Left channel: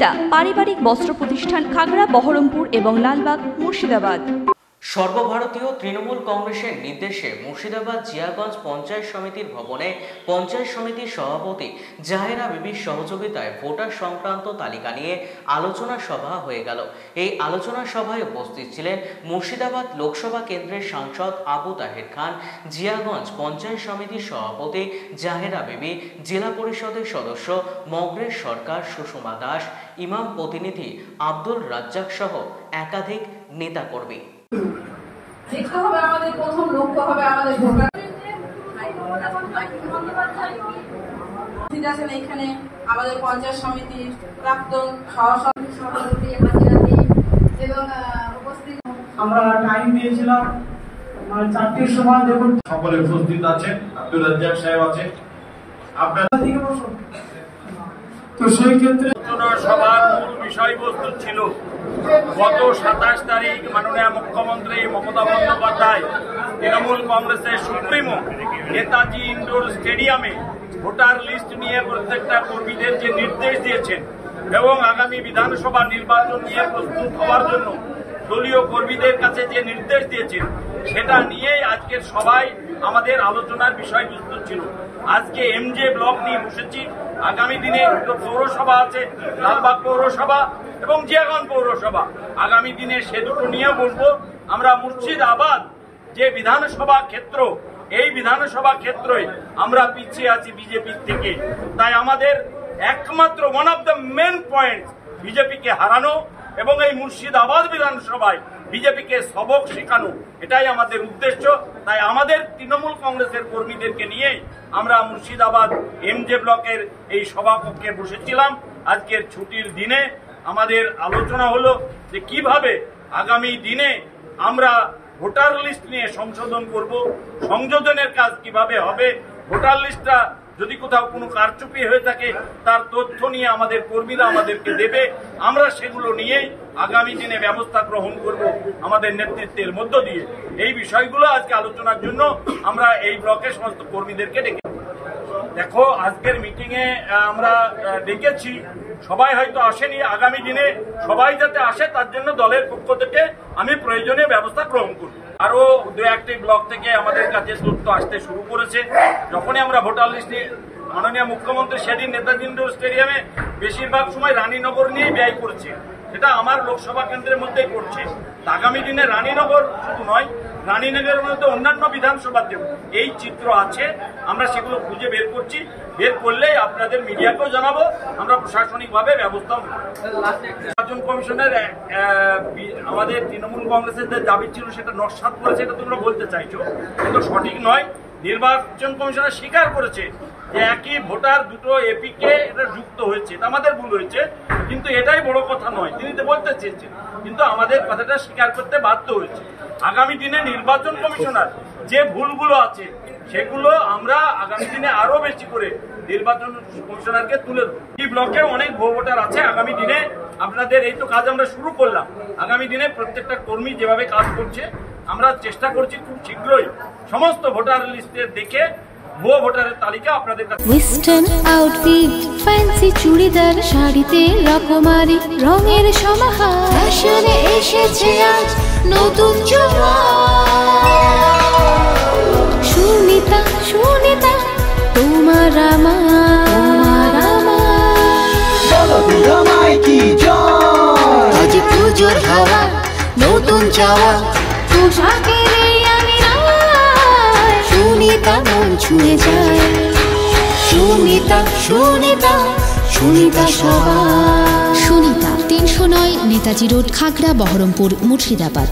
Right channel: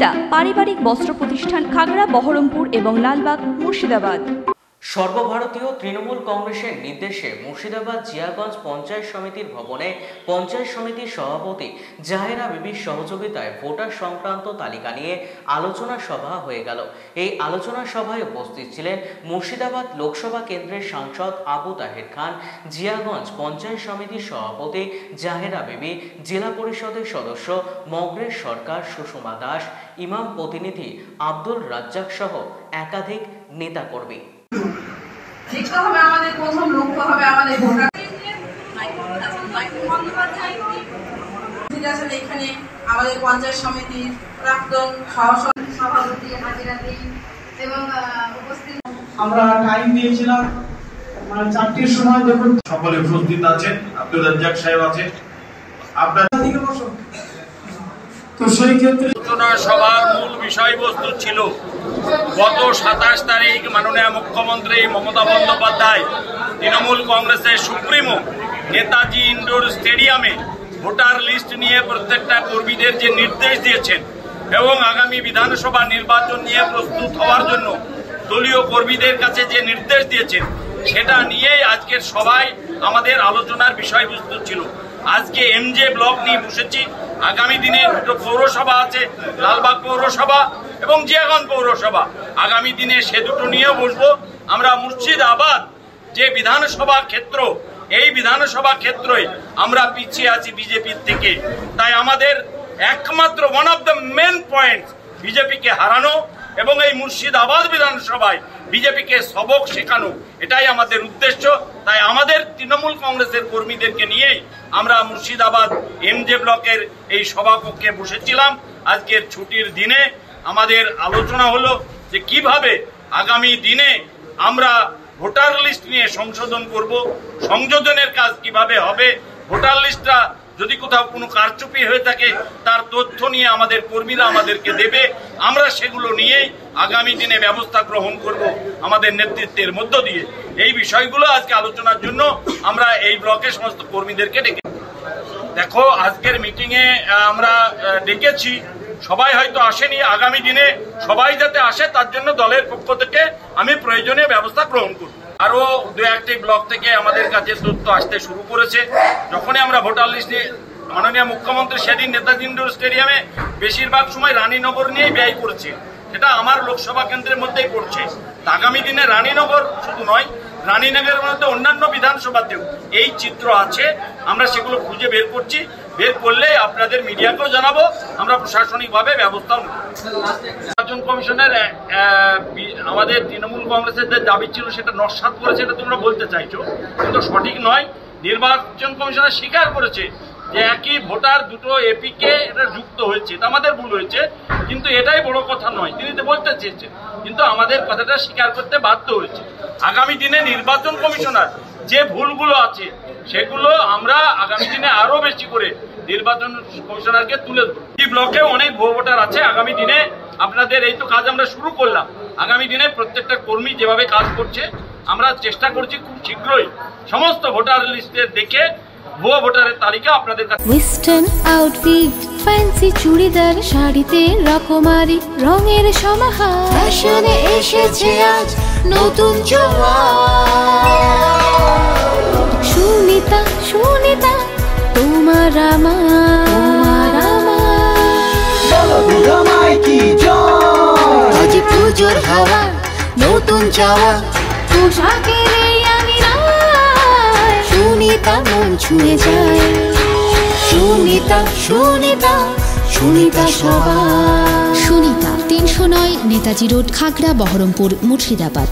সুনিতা পারিবারিক বস্ত্র প্রতিষ্ঠান, খাগড়া, বহরমপুর এবং লালবাগ, মুর্শিদাবাদ। সর্বভারতীয় তৃণমূল কংগ্রেসের নির্দেশে মুর্শিদাবাদ জিয়াগঞ্জ পঞ্চায়েত সমিতির ভবনে পঞ্চায়েত সমিতির সভাপতি জাহেরা বিবির সহযোগিতায় ভোটার সংক্রান্ত তালিকা নিয়ে আলোচনা সভা হয়ে গেল। এই আলোচনা সভায় উপস্থিত ছিলেন মুর্শিদাবাদ লোকসভা কেন্দ্রের সাংসদ আবু তাহের খান, জিয়াগঞ্জ পঞ্চায়েত সমিতির সভাপতি জাহেরা বিবি, জেলা পরিষদের সদস্য মগরেশ সরকার, সুষমা দাস, ইমাম প্রতিনিধি আব্দুল রাজ্জাক সহ একাধিক নেতাকর্মী। শিখতে হবে, আমাদের প্রথম লক্ষ্য হবে আমাদের ভোটার। এখানে আমাদের পঞ্চায়েত সমিতির প্রাক্তন সভাপতি এবং উপস্থিত, আমরা টাইম দিয়েছিলাম 4টির সময়। দেখুন সকলে উপস্থিত আছেন, আব্দুল রাজ্জাক সাহেব আছেন, আপনারা দিকে বসুন। তো সেই ক্ষেত্রে আলোচনা সভার মূল বিষয়বস্তু ছিল গত 27 তারিখ মাননীয় মুখ্যমন্ত্রী মমতা বন্দ্যোপাধ্যায় তৃণমূল কংগ্রেসের সুপ্রিমো নেতাজি ইন্ডোর স্টেডিয়ামে ভোটার লিস্ট নিয়ে প্রত্যেকটা কর্মীদের যে নির্দেশ দিয়েছেন এবং আগামী বিধানসভা নির্বাচন নিয়ে প্রস্তুত হওয়ার জন্য দলীয় কর্মীদের কাছে যে নির্দেশ দিয়েছেন সেটা নিয়েই আজকের সবাই আমাদের আলোচনার বিষয়বস্তু ছিল। আজকে এমজে ব্লক নিয়ে বসেছি। আগামী দিনে দুটো পৌরসভা আছে, লালবাগ পৌরসভা এবং জিয়াগঞ্জ পৌরসভা। আগামী দিনে সে দুটো নিয়েও বসবো। আমরা মুর্শিদাবাদ যে বিধানসভা ক্ষেত্র, এই বিধানসভা ক্ষেত্রে আমরা পিছিয়ে আছি বিজেপির থেকে। তাই আমাদের একমাত্র one of the main point বিজেপিকে হারানো এবং এই মুর্শিদাবাদ বিধানসভায় বিজেপিকে সবক শেখানো, এটাই আমাদের উদ্দেশ্য। তাই আমাদের তৃণমূল কংগ্রেসের কর্মীদেরকে নিয়েই আমরা মুর্শিদাবাদ এমজে ব্লকের এই সভাকক্ষে বসেছিলাম। আজকের ছুটির দিনে আমাদের আলোচনা হলো যে কিভাবে আগামী দিনে আমরা ভোটার লিস্ট নিয়ে সংশোধন করব, সংযোজনের কাজ কিভাবে হবে, ভোটার লিস্টটা যদি কোথাও কোনো কারচুপি হয়ে থাকে তার তথ্য নিয়ে আমাদের কর্মীরা আমাদেরকে দেবে, আমরা সেগুলো নিয়েই আগামী দিনে ব্যবস্থা গ্রহণ করব আমাদের নেতৃত্বের মধ্য দিয়ে। এই বিষয়গুলো আজকে আলোচনার জন্য আমরা এই ব্লকের সমস্ত কর্মীদেরকে ডেকে, দেখো আজকের মিটিংয়ে আমরা ডেকেছি, সবাই হয়তো আসেনি। আগামী দিনে সবাই যাতে আসে তার জন্য দলের পক্ষ থেকে আমি প্রয়োজনীয় ব্যবস্থা গ্রহণ করব। আরও 2-1টি ব্লক থেকে আমাদের কাছে তথ্য আসতে শুরু করেছে। যখনই আমরা ভোটার লিস্টে মাননীয় মুখ্যমন্ত্রী সেদিন নেতাজি ইন্ডোর স্টেডিয়ামে বেশিরভাগ সময় রানীনগর নিয়েই ব্যয় করেছে, সেটা আমার লোকসভা কেন্দ্রের মধ্যেই পড়ছে। আগামী দিনে রানীনগর শুধু নয়, রানীনগরের মধ্যে অন্যান্য বিধানসভাতেও এই চিত্র আছে। আমরা সেগুলো খুঁজে বের করছি, বের করলে আপনাদের মিডিয়াকেও জানাবো, আমরা প্রশাসনিকভাবে ব্যবস্থাও নেব। নির্বাচন কমিশনের আমাদের তৃণমূল কংগ্রেসের যে দাবি ছিল সেটা নস্যাৎ করেছে, এটা তোমরা বলতে চাইছো, কিন্তু সঠিক নয়। নির্বাচন কমিশনার স্বীকার করেছে যে একই ভোটার দুটো এপিকে এটা যুক্ত হয়েছে, এটা আমাদের ভুল হয়েছে, কিন্তু এটাই বড় কথা নয়, তিনি তো বলতে চেয়েছেন, কিন্তু আমাদের কথাটা স্বীকার করতে বাধ্য হয়েছে। আগামী দিনে নির্বাচন কমিশনার যে ভুলগুলো আছে সেগুলো আমরা আগামী দিনে আরো বেশি করে নির্বাচন কমিশনারকে তুলে দেবো। এই ব্লকে অনেক ভুয়ো ভোটার আছে। আগামী দিনে আপনাদের এই তো কাজ আমরা শুরু করলাম, আগামী দিনে প্রত্যেকটা কর্মী যেভাবে কাজ করছে আমরা চেষ্টা করছি খুব শীঘ্রই সমস্ত ভোটার লিস্টের দেখে ভুয়ো ভোটারের তালিকা আপনাদের কাছে। ওয়েস্টার্ন আউটফিট, ফ্যান্সি চুড়িদার, শাড়িতে রকমারি রঙের সমাহার, ফ্যাশনে এসেছে আজ নতুন সুনিতা, সুনিতা তোমার আমার, আজ পুজোর হাওয়া নতুন চাওয়া পোশাকের আমি সুনিতা মন ছুঁয়ে যায়। সুনিতা, সুনিতা, সুনিতা সবার। সুনিতা 309 নেতাজি রোড, খাগড়া, বহরমপুর, মুর্শিদাবাদ।